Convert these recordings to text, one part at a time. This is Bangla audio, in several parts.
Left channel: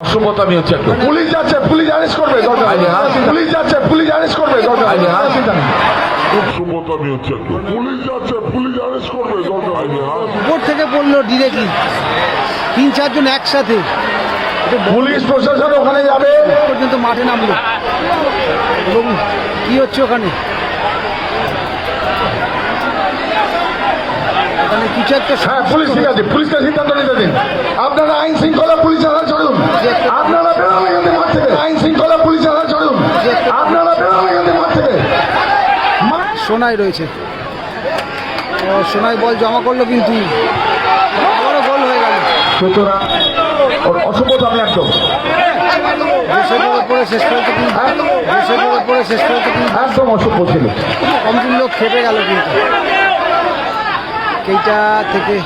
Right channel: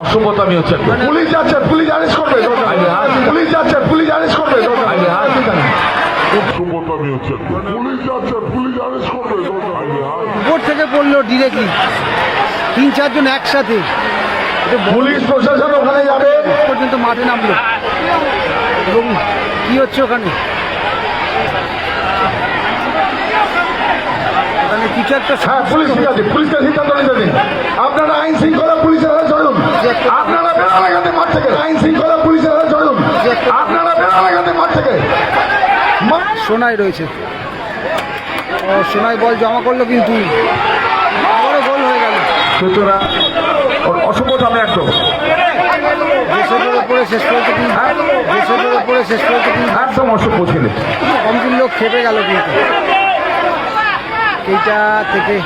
অসভ্যতামি হচ্ছে পুলিশ যাচ্ছে পুলিশ অ্যারেস্ট করবে পুলিশ যাচ্ছে পুলিশ অ্যারেস্ট করবে দরকার হলে। অসুবিধা নেই। অসভ্যতামি হচ্ছে একটু। পুলিশ যাচ্ছে পুলিশ অ্যারেস্ট করবে দরকার হলে। উপর থেকে পড়ল ডিরেক্টলি তিন চারজন একসাথে। পুলিশ প্রশাসন ওখানে যাবে। পর্যন্ত মাঠে নামলো। এবং কি হচ্ছে ওখানে? ওখানে কিছু একটা পুলিশ ঠিক আছে পুলিশকে সিদ্ধান্ত নিতে দিন আপনারা আইন শৃঙ্খলা পুলিশ চলুন। আপনারা আইন শৃঙ্খলা পুলিশ চলুন। সোনাই রয়েছে। ও সোনাই বল জমা করল কিন্তু। আবারও গোল হয়ে গেল। সুতরাং একদম। উপরে শেষ পর্যন্ত কিন্তু উপরে শেষ পর্যন্ত কিন্তু একদম অসভ্য ছেলে কমজন লোক খেপে গেল কিন্তু। কেইটা থেকে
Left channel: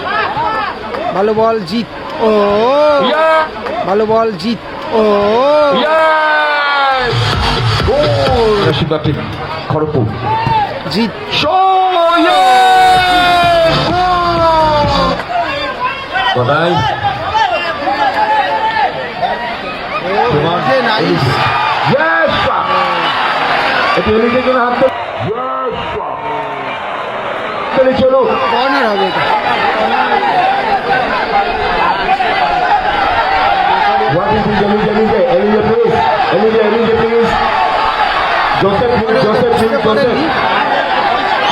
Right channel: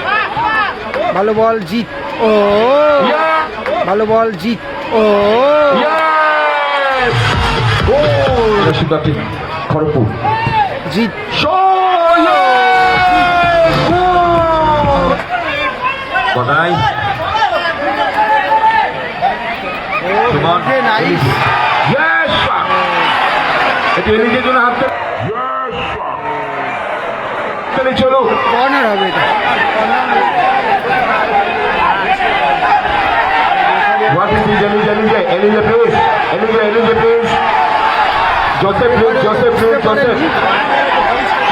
ভালো বল জিত ও। ভালো বল জিত ও। রশিদাটি খড়পুর জিত। কোথায় নাইস। এটি এলিজের জন্য হাত চলো চলো কর্নার হবে এটা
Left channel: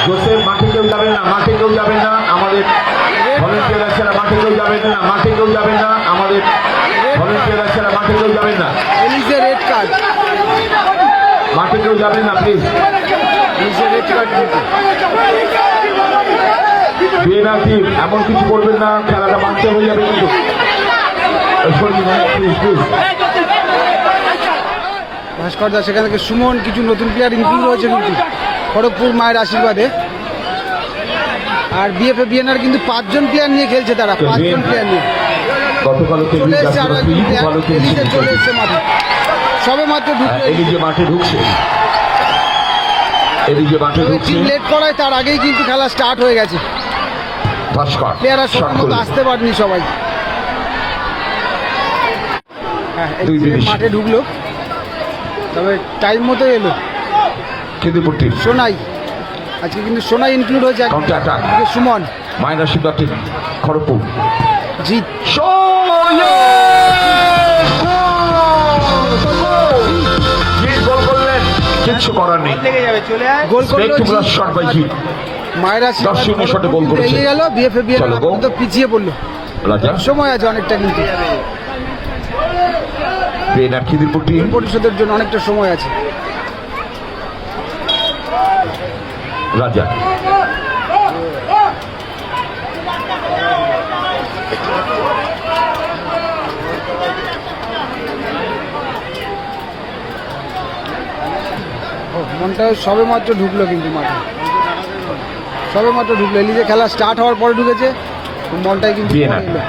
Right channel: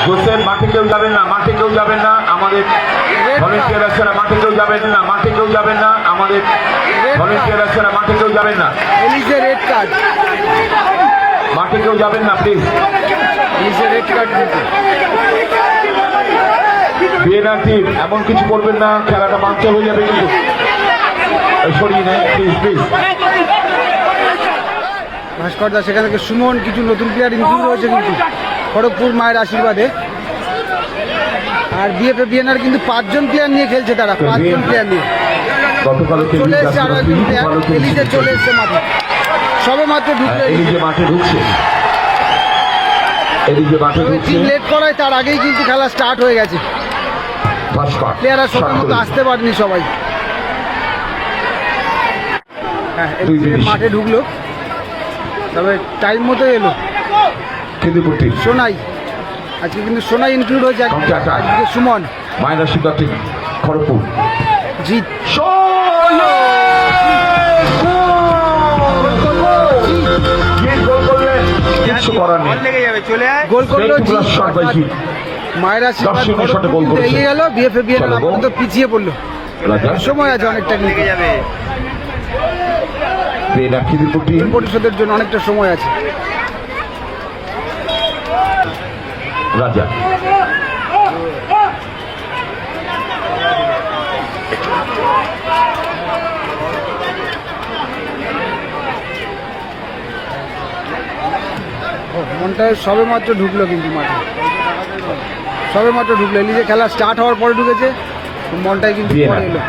জোসেফ মাঠে কেউ যাবেন না মাঠে কেউ যাবেন না আমাদের ভলেন্টিয়ার আছেন মাঠে কেউ যাবেন না মাঠে কেউ যাবেন না আমাদের ভলেন্টিয়ার আছেন মাঠে কেউ যাবেন না এলিজে রেড কার্ড মাঠে কেউ যাবেন না প্লিজ এলিজে রেড কার্ড এমন কিছু করবেন না খেলাটা হয়ে যাবে কিন্তু। ভাস্কর দাস সেখান থেকে সুমন কিছু নতুন প্লেয়ার ইনক্লুড হয়েছে কিন্তু। খড়গপুর মায়ের আশীর্বাদে। আর বিএফএ বিএনআর কিন্তু পাঁচজন প্লেয়ার নিয়ে খেলছে তারা পাঁচজন প্লেয়ার নিয়ে। চলে এসছে আরও একজন প্লেয়ার চলে এসছে মাঠে। সবে মাত্র ঢুকলো মাঠে ঢুকছে। তবে টিম লেট করায় তার আগেই কিন্তু খেলা স্টার্ট হয়ে গেছে। প্লেয়াররা সময় মতো আসতে পারেনি সবাই। হ্যাঁ মাঠে ঢুকলো। তবে টাইম মতো এলো। সোনাই। আজকে কিন্তু সোনাই ইনক্লুড হয়েছে সুমন। মাইনার শিক্ষার্থী খড়গপুর। জিত কিচ্ছু করার নেই। গোল করল মায়েরা। এগিয়ে গেল বিএফএ বিএন আপাতত পিছিয়ে পড়ল। সময় আছে অনেকটা কিন্তু। পরিষদের জন্য অনেকটা সময় আছে। রাজা ও, মনটা সবে মাত্র ঢুকলো কিন্তু মাঠে। সবে মাত্র ঢুকলো। এলিজে খেলা স্টার্ট হওয়ার পরে ঢুকেছে মনটাই কিন্তু পরে এলো।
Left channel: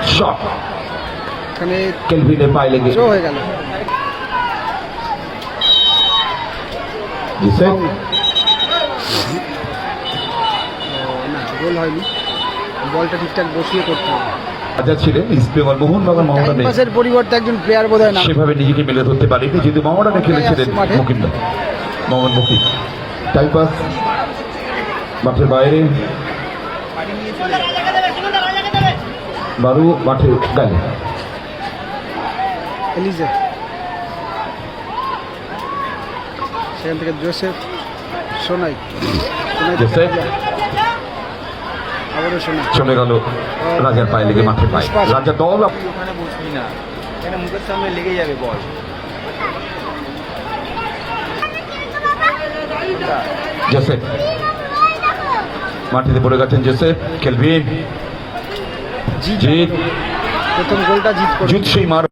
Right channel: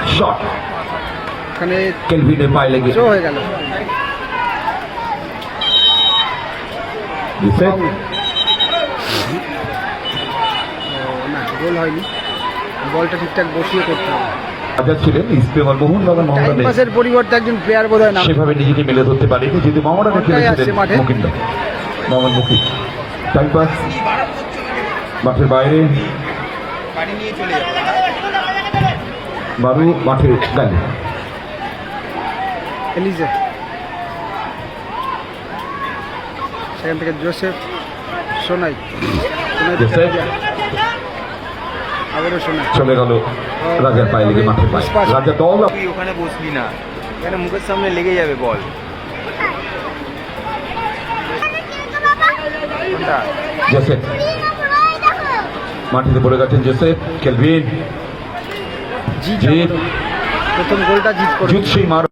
এখানে শো হয়ে গেল। না গোল হয়নি। বলটা ঠিকঠাক বসিয়ে করতে হবে। রাজা ছিলেন টাইম পাসের পরিবর্তে একজন প্লেয়ার বোধ হয় না সেভাবে নিজেকে মেলে ধরতে পারেনি যদি আসছে খেলেছিলেন মাঠে। মোহাম্মদ মুকিম টাইম পাস মাঠের বাইরে বারু মাঠে গালে এলিজে সেখান থেকে জোসেফ সোনাই সোনাই। আবারও সোনাই চলে গেল রাজার পায়ে লেগে মাঠের পায়ে রাজা দল মুখের সামনে লেগে যাবে বল জোসেফ মাটিতে পড়ে গেছেন জোসেফ জিত জিত। প্রথম গোলটা জিত করে জিত সেই মার।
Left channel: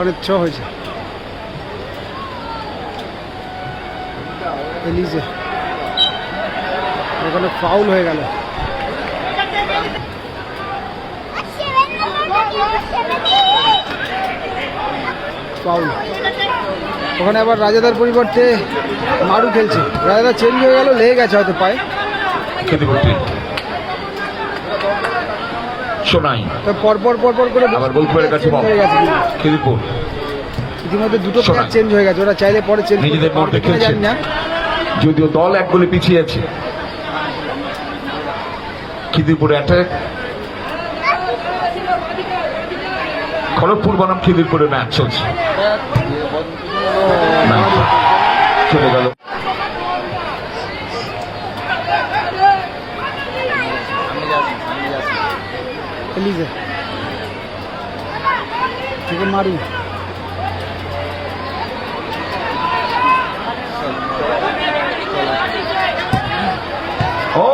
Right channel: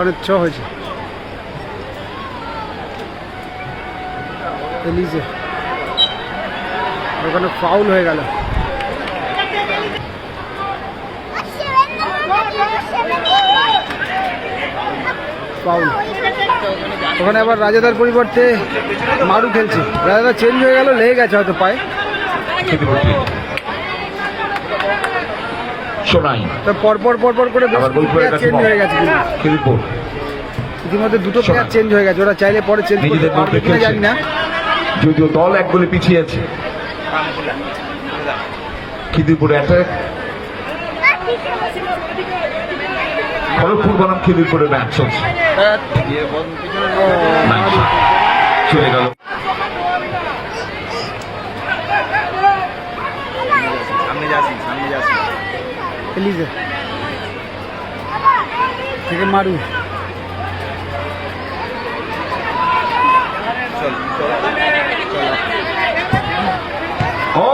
অনেক ছ হয়েছে। এলিজে। ওখানে ফাউল হয়ে গেল। ফাউল ওখানে আবার রাজাদার পরিবর্তে মারু খেলছে। রাজাদা চেঞ্জ হয়ে গেল লেগে গেছে হয়তো পায়ে। পরপর করে চেঞ্জ হয়ে গেছে ইতিমধ্যে দুটো। প্লেয়ার চেঞ্জ হয়ে গেছে। ওরা চাইলে পরে চেঞ্জ করতে নিজেদের পারবে কিনা জানি না। যদিও দল এক গোলে পিছিয়ে আছে। খিদিপুর অ্যাটাক খড়গপুর বনাম খিদিপুরের ম্যাচ চলছে চলে গেল। এলিজে। থেকে মারু। ও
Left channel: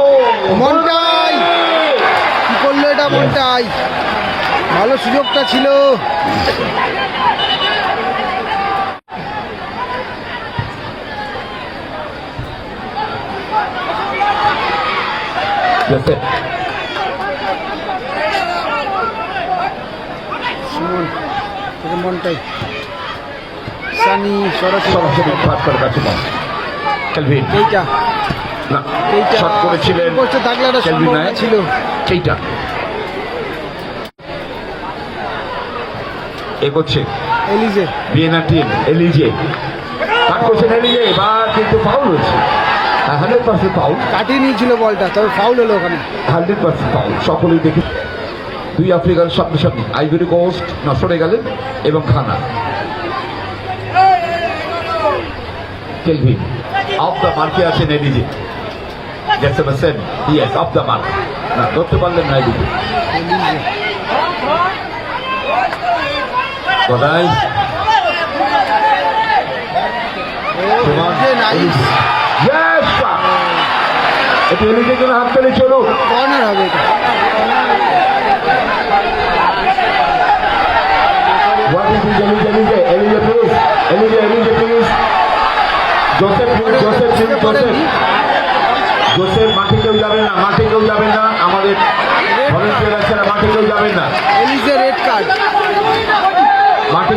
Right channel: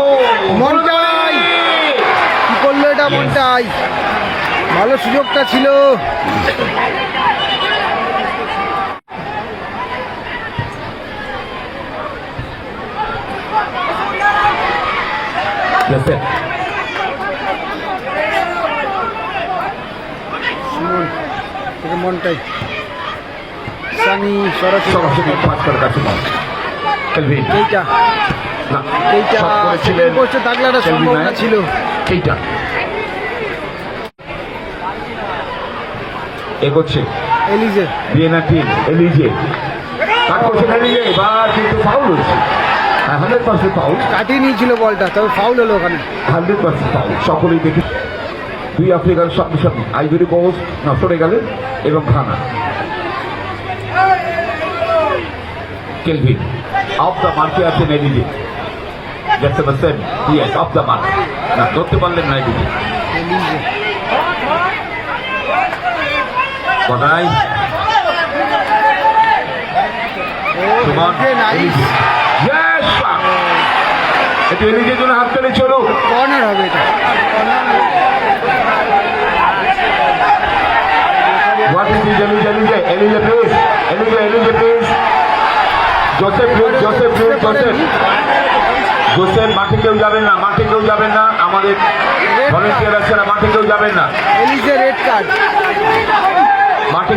মনটাই। কি করল এটা মনটাই? ভালো সুযোগটা ছিল। জোসেফ সুমন থেকে মনটাই। সানি সরাসরি এইটা থাকলে একটা সম্ভাবনা ছিল। এইটা এগোচ্ছে এলিজে। Vienna team এলিজে। কাট করছেন এলিজে? এবার কিন্তু ফাউল হচ্ছে। হান্ড্রেড পার্সেন্ট ফাউল কাটিয়ে নিয়েছিল বলটা তবে ফাউল হলো ওখানে। হান্ড্রেড পার্সেন্ট ফাউল সকলেই দেখে দুই আফ্রিকার সামনে সামনে। আইভরি কোস্ট না সরে গেলেন এবং খানা। কেলভিন অফ দ্য মার্কে আছেন এলিজে। দেখতে পাচ্ছেন ইয়েস অফ দ্য মার্ক না ধরতে পারলেন না এদিকে নাইস Yes! একটু এলিজের জন্য হাত পেলে চলো। কর্নার হবে এটা. জোসেফ মাঠে কেউ যাবেন না মাঠে কেউ যাবেন না। আমাদের ভলেন্টিয়ার আছে না মাঠে কেউ যাবেন না। এলিজে রেড কার্ড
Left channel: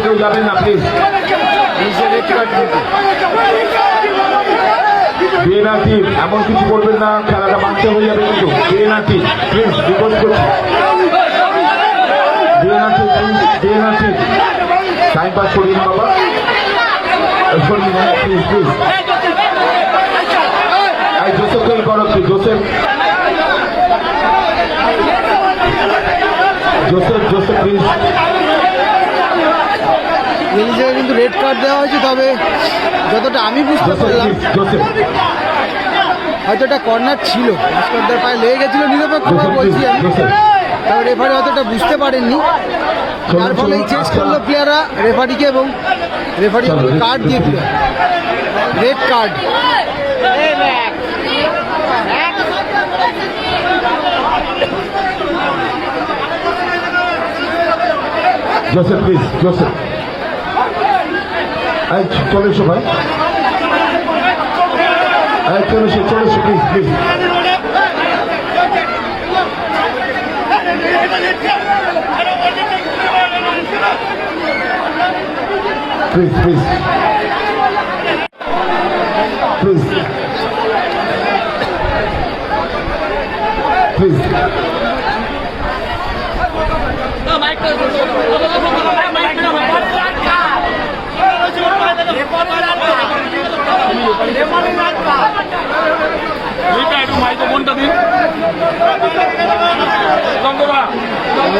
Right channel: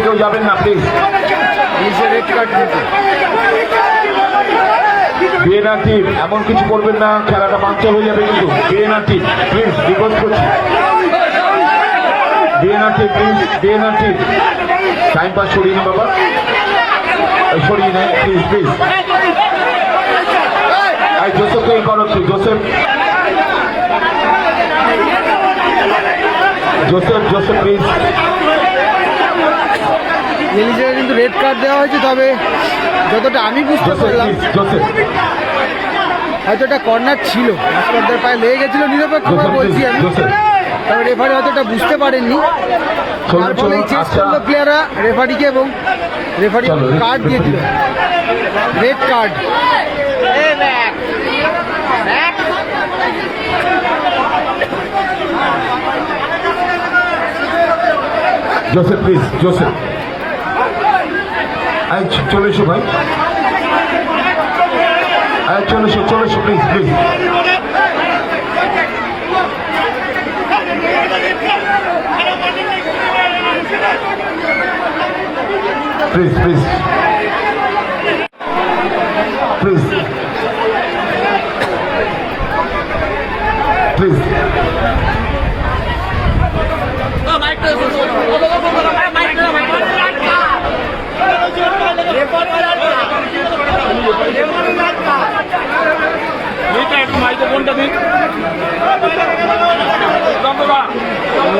কেউ যাবেন না প্লিজ কিন্তু এমন কিছু করবেন না, খেলাটা মাঠে হয়ে যাবে কিন্তু বিএনআরটি প্লিজ রিকোয়েস্ট করছি। BNRT please BNRT time pass নিন বাবা। সরিয়ে নেন please please Joseph Joseph. Joseph please এলিজে কিন্তু রেড কার্ড দেওয়া হয়েছে তবে যতটা আমি বুঝতে পারলাম হয়তো এটা কর্নার ছিল। ভাস্করদার পায়ে লেগে গেছিল নিরপেক্ষভাবে বলছি আমি। তবে রেফারি হয়তো এটা বুঝতে পারেননি। তার ফলে চেঞ্জ করল প্লেয়াররা রেফারিকে এবং রেফারি কার্ড দিয়ে দিল। Red card Joseph please Joseph এই চ- চলে এসো ভাই। চলে এসো চলে এসো please please please please please please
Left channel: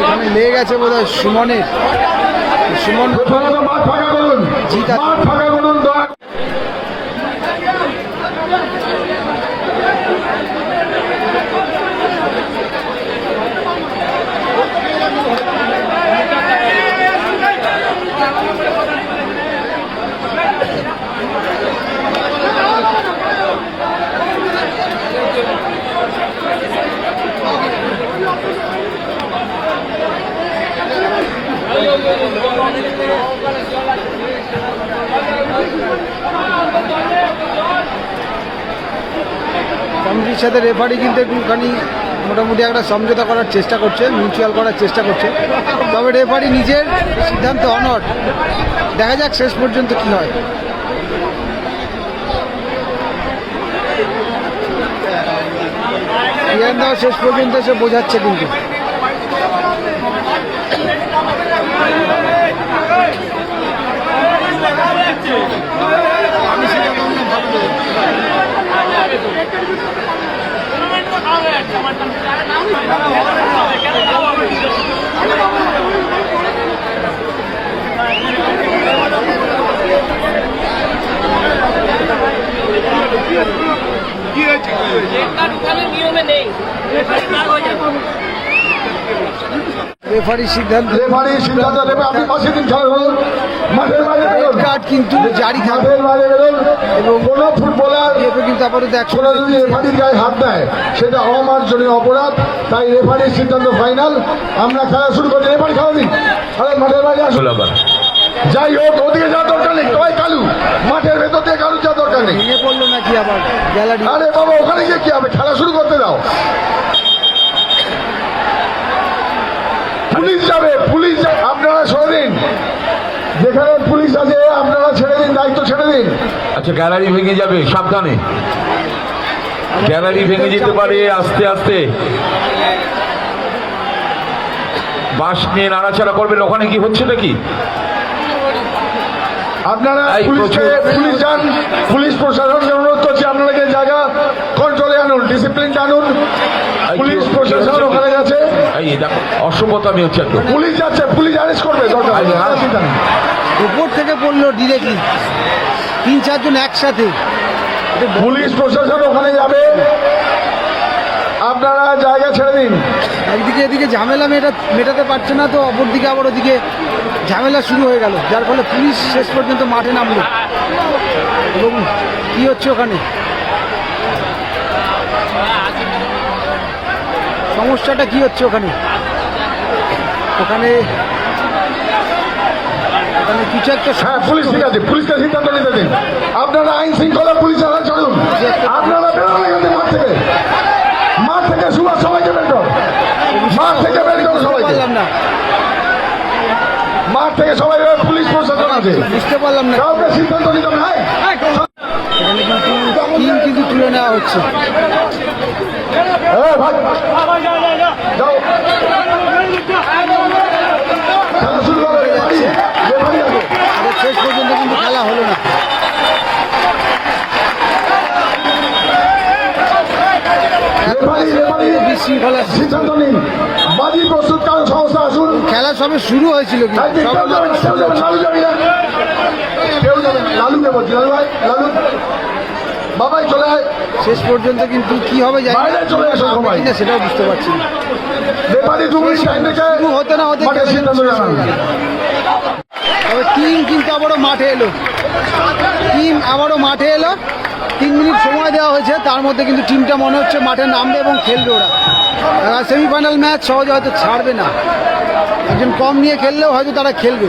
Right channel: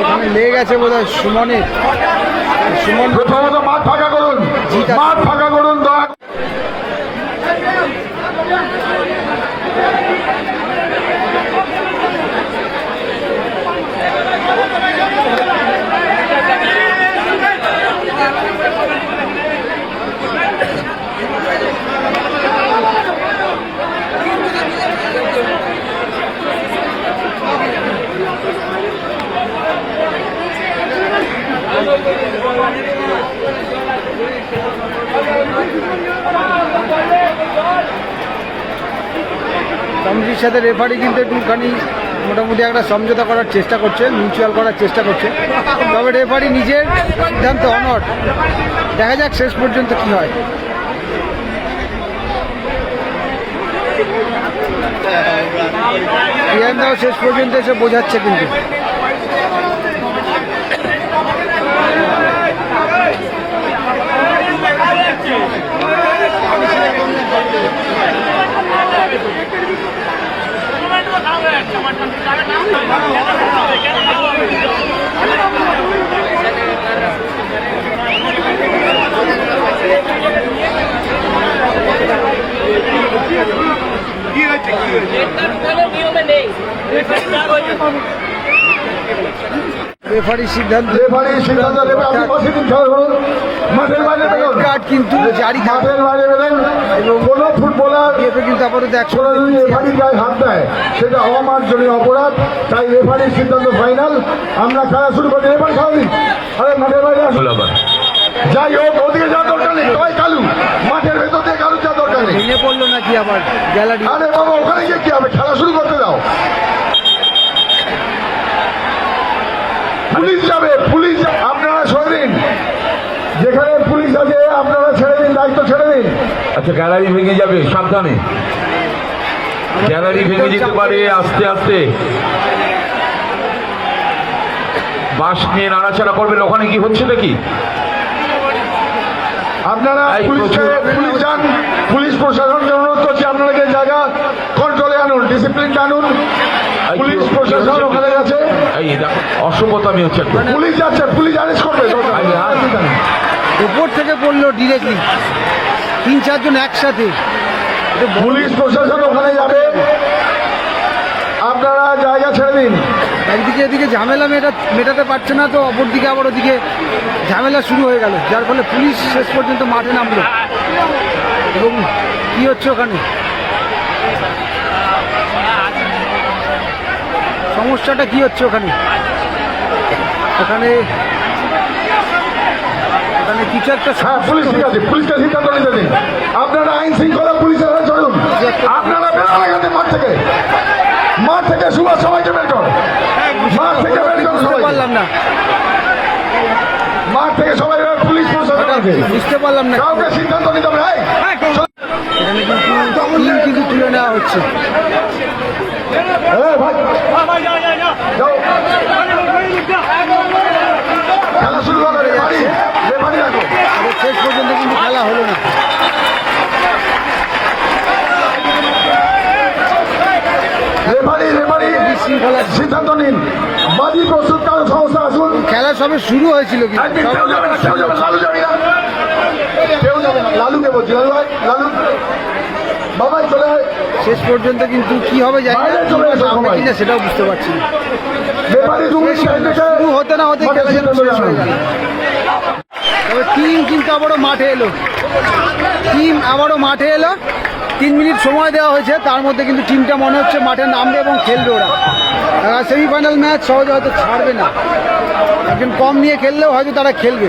এখানে লেগে গেছে বোধ হয় সুমনের সুমন জিত আছে। মাঠ ফাঁকা করুন দয়া কমিটির সাথে রেফারি কিন্তু একটুখানি মোটামুটি একটা সমঝোতা করার চেষ্টা করছে মিউচুয়াল করার চেষ্টা করছে। তবে রেফারি নিজের সিদ্ধান্ত অনট দেখা যাক শেষ পর্যন্ত কি হয়। প্রিয়ান্দাও শেষ পর্যন্ত এসে বোঝাচ্ছে কিন্তু। রেফারির সিদ্ধান্ত রেফারি সিদ্ধান্ত রেড কার্ড কিন্তু জারি থাকবে। মাঠের বাইরে গেলেন এবং কোন ফুটবলার কিন্তু আপাতত একশো ছোড়া যদি রেফারির গায়ে হাত দেয়। সেটা অমার্জনীয় অপরাধ। তাই রেফারির সিদ্ধান্ত ফাইনাল আমরা খেলা শুরু করছি। রেফারি খেলা দিন। আরে মাঠের বাইরে আসুন। যাই হোক ওদিকে যাওয়ার দরকার নেই সবাই কালু। মাঠের ভেতর দিয়ে কালু যাওয়ার দরকার নেই। ভেঙে পড়ল নাকি আবার গ্যালারি? আরে বাবা ওখানে গিয়ে কি হবে? খেলা শুরু করতে দাও। পুলিশ যাবে পুলিশ আপনারা ছেড়ে দিন যেখানে পুলিশ আছে আপনারা ছেড়ে দিন দায়িত্ব ছেড়ে দিন। আচ্ছা গ্যালারি ভেঙে যাবে সাবধানে। গ্যালারি ভেঙে যেতে পারে আস্তে আস্তে। বাস নিয়ে নাড়াচাড়া করবেন ওখানে কি হচ্ছে নাকি আপনারা এই, পুলিশকে প্রচুর- পুলিশ প্রশাসনকে অনুরোধ করছি আপনাকে জায়গা। কন্ট্রোলে আনুন ডিসিপ্লিন আনুন। পুলিশ প্রশাসন? ওখানে অসভ্যতামি হচ্ছে পুলিশ যাচ্ছে পুলিশ অ্যারেস্ট করবে। হ্যাঁ। উপর থেকে পড়ল ডিরেক্টলি তিন চারজন একসাথে। পুলিশ প্রশাসন ওখানে যাবে আপনারা জায়গা একদিকে এদিকে ঝামেলা মেটা মেটাতে পারছে না তো অপরদিকে আবার ওদিকে ঝামেলা শুরু হয়ে গেল। যার ফলে পুলিশ শেষ পর্যন্ত মাঠে নামলো। এবং কি হচ্ছে ওখানে? সমস্যাটা কি হচ্ছে ওখানে? ওখানে ওখানে কিছু একটা হ্যাঁ আপনারা আইন শৃঙ্খলা পুলিশ চলুন আপনারা বেরোন এখান থেকে মাঠ থেকে মাঠ থেকে সুভাষ সমাজে বের কর মাঠ থেকে বের কর বুঝতে সবাইকে। পারলাম না। বুঝতে পারলাম না। না এই, এখানে কিন্তু টিম কিন্তু তুলে নেওয়া হচ্ছে। শেষ পর্যন্ত কিন্তু খেলা হলো না রেফারি রেফারি বিশৃঙ্খলা সিদ্ধান্ত নিন। বাজি প্রস্তুত তার সংস্থা আসুন। খেলা সবে শুরু হয়েছিল কিন্তু সবে মাত্র শুরু হচ্ছে লালুকে বলছি লালু ভাই? লালু? বাবাই চলে শেষ পর্যন্ত কিন্তু কি হবে জানি না সামনে কিনা সেটাও বুঝতে পারছি। শুরু হতে না হতে খেলা যেন শেষ হয়ে গেল। তবে টিম কিন্তু আবারও মাঠে এলো। টিম আবারও মাঠে এলো। তিন মিনিট সময় দেওয়া হয়েছে তার মধ্যে কিন্তু টিমটা মনে হচ্ছে মাঠে নামবে এবং খেলবে ওরা। সেমিফাইনাল ম্যাচ সহজে হয়তো ছাড়বে না। একজন কম নিয়ে খেললেও হয়তো তারা খেলবে।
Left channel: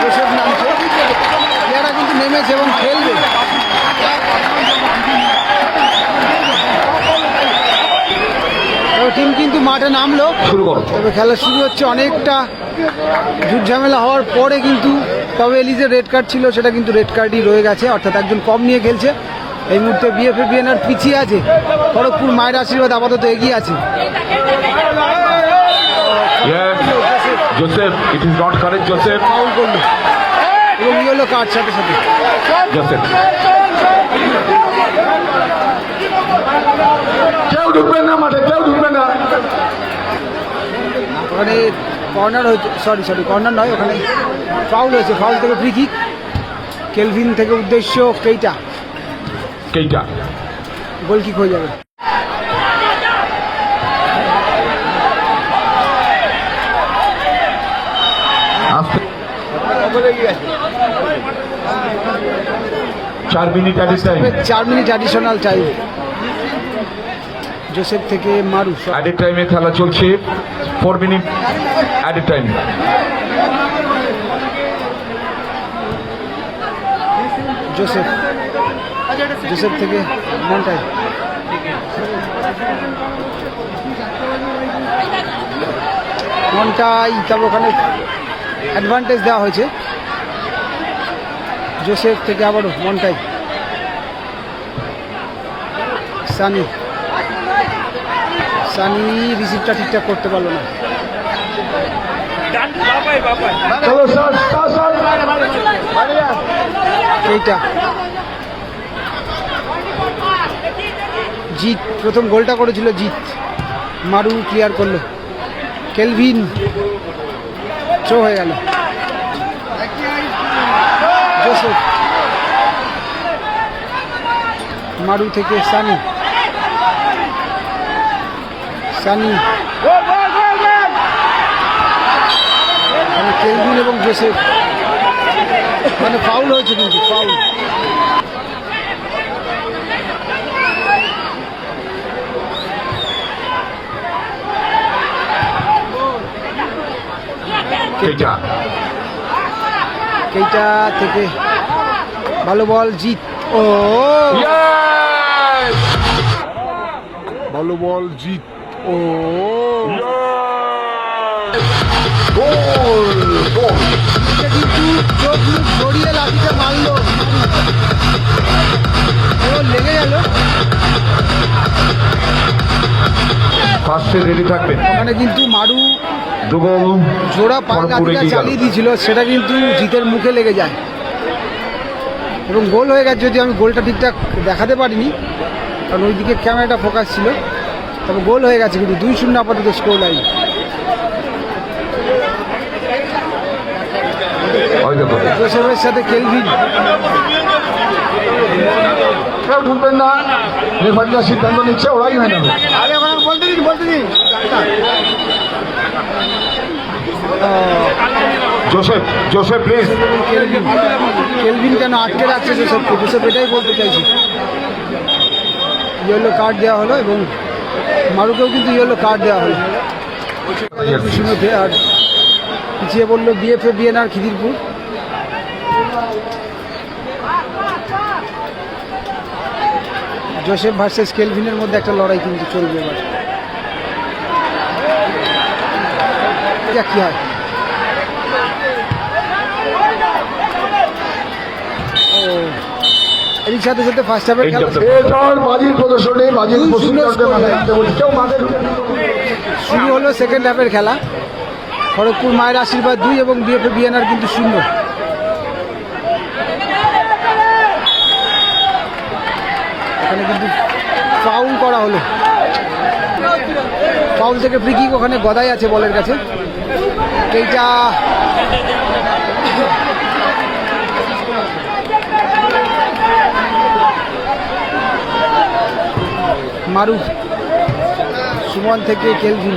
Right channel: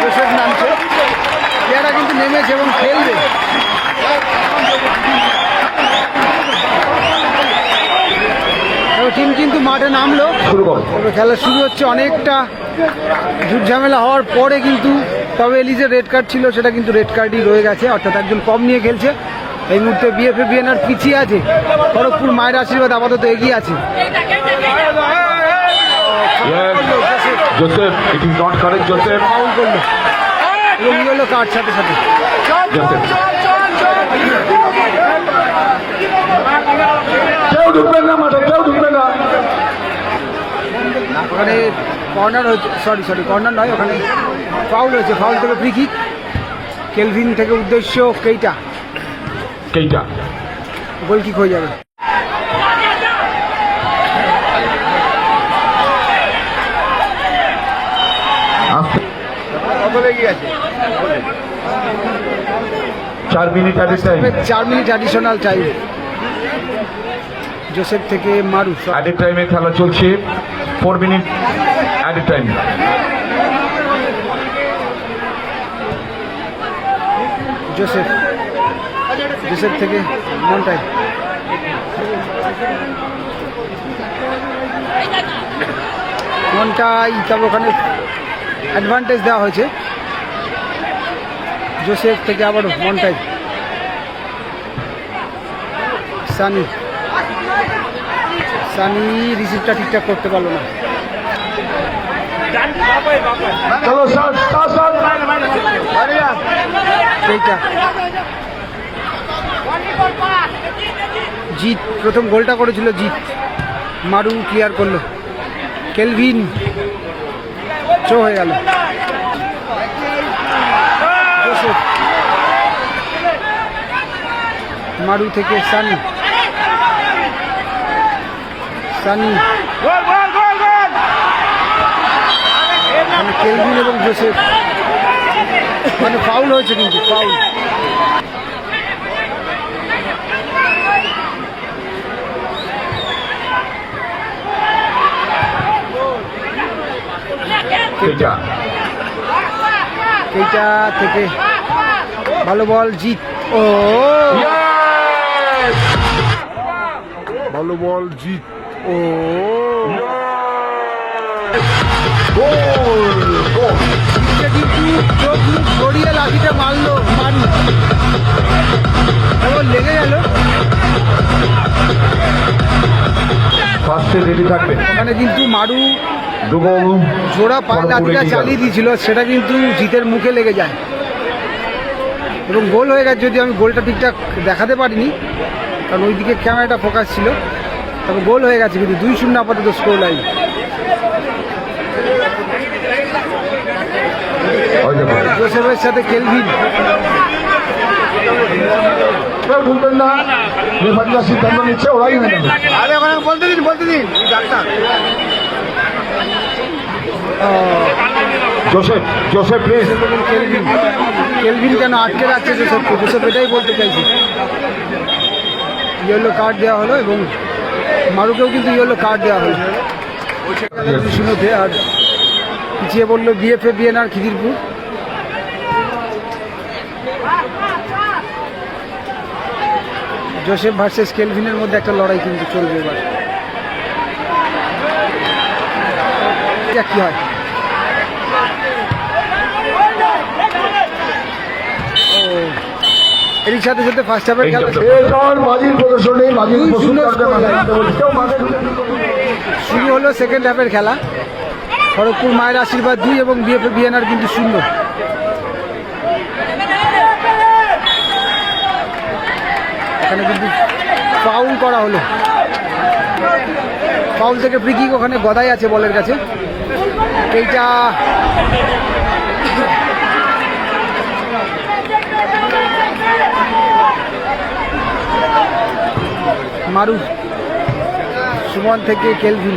জোসেফ নামছে। প্লেয়াররা কিন্তু নেমেছে এবং খেলবে। তবে টিম কিন্তু মাঠে নামলো। তবে খেলা শুরু হচ্ছে অনেকটা ঝুট ঝামেলা হওয়ার পরে কিন্তু তবে এলিজের রেড কার্ড ছিল সেটা কিন্তু রেড কার্ডই রয়ে গেছে। অর্থাৎ একজন কম নিয়ে খেলছে। এই মুহূর্তে বিএফএ বিএনআর পিছিয়ে আছে। খড়গপুর মায়ের আশীর্বাদ আপাতত এগিয়ে আছে। Yes. Joseph it is not correct Joseph foul করল। এবং ইয়েলো কার্ড সাথে সাথে। জোসেফ কেউ ঢুকবেন না মাঠে কেউ ঢুকবেন না। ওখানে কর্নার হয়েছে সরি সরি কর্নার নয় ওখানে ফাউল হয়েছে। ফাউল থেকে ফ্রি কিক কেলভিন থেকে উদ্দেশ্য কেইটা? কেইটা? গোল কিক হয়ে যাবে। চার মিনিট চার মিনিট অ্যাডিশনাল টাইম জোসেফ থেকে মারু। অ্যাডেড টাইমে খেলা চলছে। Four minute added time Joseph. Joseph থেকে মনটাই। মন্টাই তবে ওখানে অ্যাডভান্টেজ দেওয়া হয়েছে। জোসেফ থেকে আবারও মন্টাই। সানি। সানি রিসিভটা ঠিকঠাক করতে পারল না। এইটা। জিত প্রথম গোলটা করেছিল জিত মারু ক্লিয়ার করল। কেলভিন থ্রো হয়ে গেল। মারু থেকে সানি। সানি। মানে কেলভিন এবং জোসেফ। মানে ফাউল হয়েছে কিন্তু ফাউল এটা এইটা থেকে? ভালো বল জিত ও! ভালো বল জিত ও! কিন্তু চোখ মুখ গড়িয়ে লাঠিটা মারলো মারি এবার লেগে গেল। ফার্স্টে ওখানে কিন্তু মারু জোড়া পায়ে লাঠিটা চালিয়ে দিয়েছিল সেটা কিন্তু জিতের মুখে লেগে যায়। এবং গোল হয়ে গেছে যদি আমি গোলটা ঠিকঠাক দেখাতে পারিনি কারণ ওইদিকে ক্যামেরাটা ফোকাস ছিল। তবে গোল হয়ে গেছে কিন্তু দুই শূন্য আপাতত স্কোর লাইন জোসেফের সাথে কেলভিন। নেবে। আরে ওখানে বলতে দিন বলতে দিন। Doctor. Joseph Joseph please Kelvin Kelvin কেন আটকে রাখছে জোসেফকে জোসেফ এটাই বলতে চাইছি। ইয়েলো কার্ড দেওয়া হলো এবং মারুকেও কিন্তু ইয়েলো কার্ড দেওয়া হলো। শূন্যতে আর পিছিয়ে বলল BFA BNR Khidirpur. Joseph versus কেলভিনের মধ্যে একটা লড়াই কিন্তু চলবে এবার। কি হয়। এর সাথে সাথে ফার্স্ট হাফের খেলা শুরু হলো সেকেন্ড হাফের খেলা। খড়গপুর মায়ের আশীর্বাদ দুই এবং বিএফএ বিএনআর কিন্তু শূন্য। এখানে কিন্তু ফাউল করা হলো। ফাউল থেকে ফ্রি কিক ওখানে গদাই আছে বলের কাছে। এইটা মারু সুমন থেকে কেলভিন।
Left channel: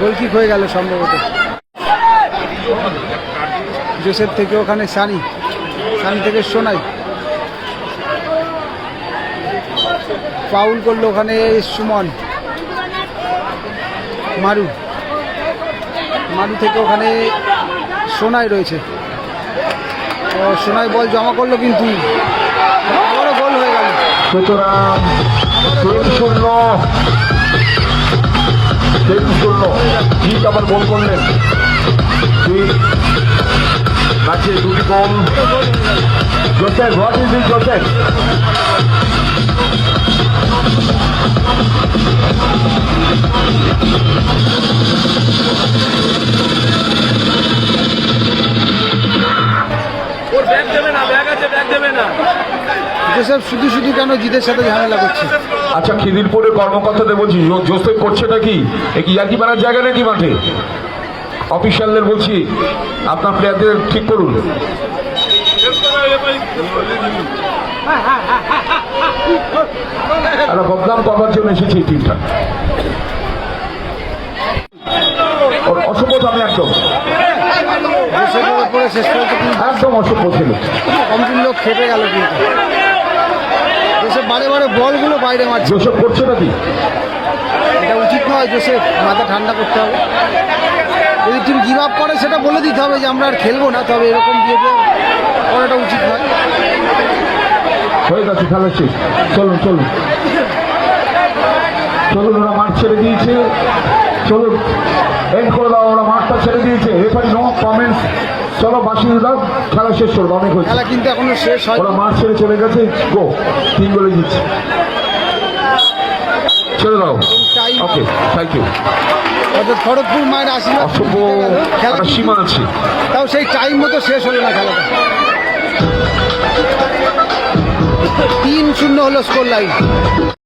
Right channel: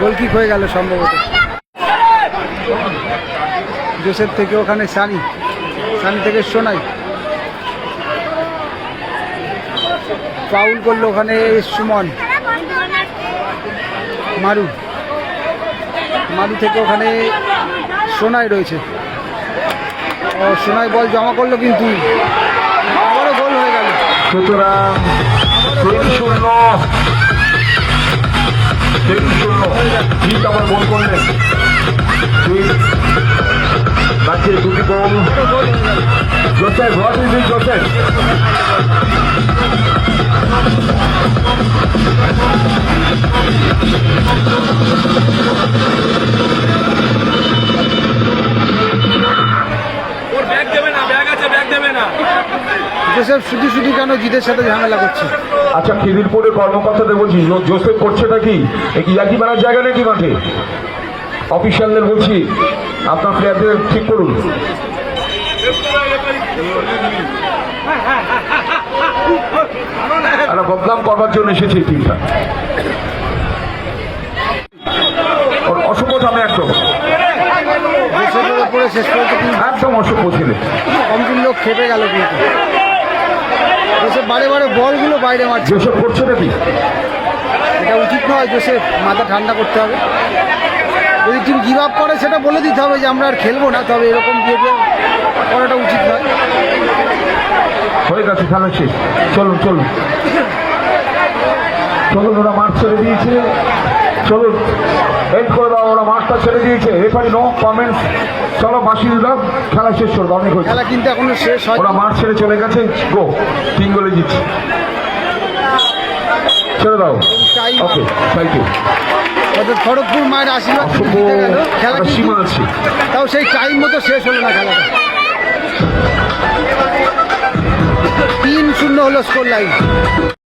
গোলকিক হয়ে গেল সম্ভবত। জোসেফ থেকে ওখানে সানি সানি থেকে সোনাই। পাউল করল ওখানে সুমন। মারু মারু থেকে ওখানে সোনাই রয়েছে। ও সোনাই বল জমা করল কিন্তু। আবারও গোল হয়ে গেল। সুতরাং আবারও তিন গোল শূন্য। তিন শূন্য। জিত আবার গোল করলেন দুই। বাকি দুটি গোল আবারও গোল গেল। Joseph what is it Joseph? Joseph, শুধু শুধু কেন জিতের সাথে ঝামেলা করছে? আচ্ছা খিদিরপুরের কর্মকর্তাদের বলছি জোসেফ করছে নাকি? এ কি ইয়াকি মারার জায়গা নাকি মাঠে? অফিসিয়ালদের বলছি, আপনার প্লেয়ারদের ঠিক করুন আমরা বদনাম করবার জন্য এসেছি এই টিমটা। অসভ্য আমি একদম। উপরে শেষ পর্যন্ত একদম অসভ্য ছেলে। কমটির লোক খেপে গেল কিন্তু। জোসেফ বারে বারে বলগুলো বাইরে মারছে। জোসেফ করছে নাকি? এটা উচিত নয় জোসেফ মাথা ঠান্ডা করতে হবে। যদি টিম গিভ আপ করে সেটা বলে দিতে হবে যে আমরা আর খেলব না তবে এরকম বিহেভিয়ার করাটা উচিত নয়। হয়ে গেছে খেলা শেষ। চলুন চলুন। চলুন ওরা মাঠ ছেড়ে দিয়েছে। চলুন এন্ড করে দাও ওরা মাঠটা ছেড়ে দিয়েছে। এখন নো কমেন্টস চলো বাসিয়ে দাও খেলা শেষ করবে অনেক হয়েছে। খেলা কিন্তু এখনও শেষ হয় ওরা মাঠ ছেড়ে চলে গেছে গো তিন গোলে জিতছে। চলে দাও। ওকে থ্যাংক ইউ খড়গপুর মায়ের আশীর্বাদ জিতে গেল। খেলা সীমানা তাও সেই টাইম মতো শেষ হলো না খেলাটা। তিন শূন্য হলো স্কোর লাইন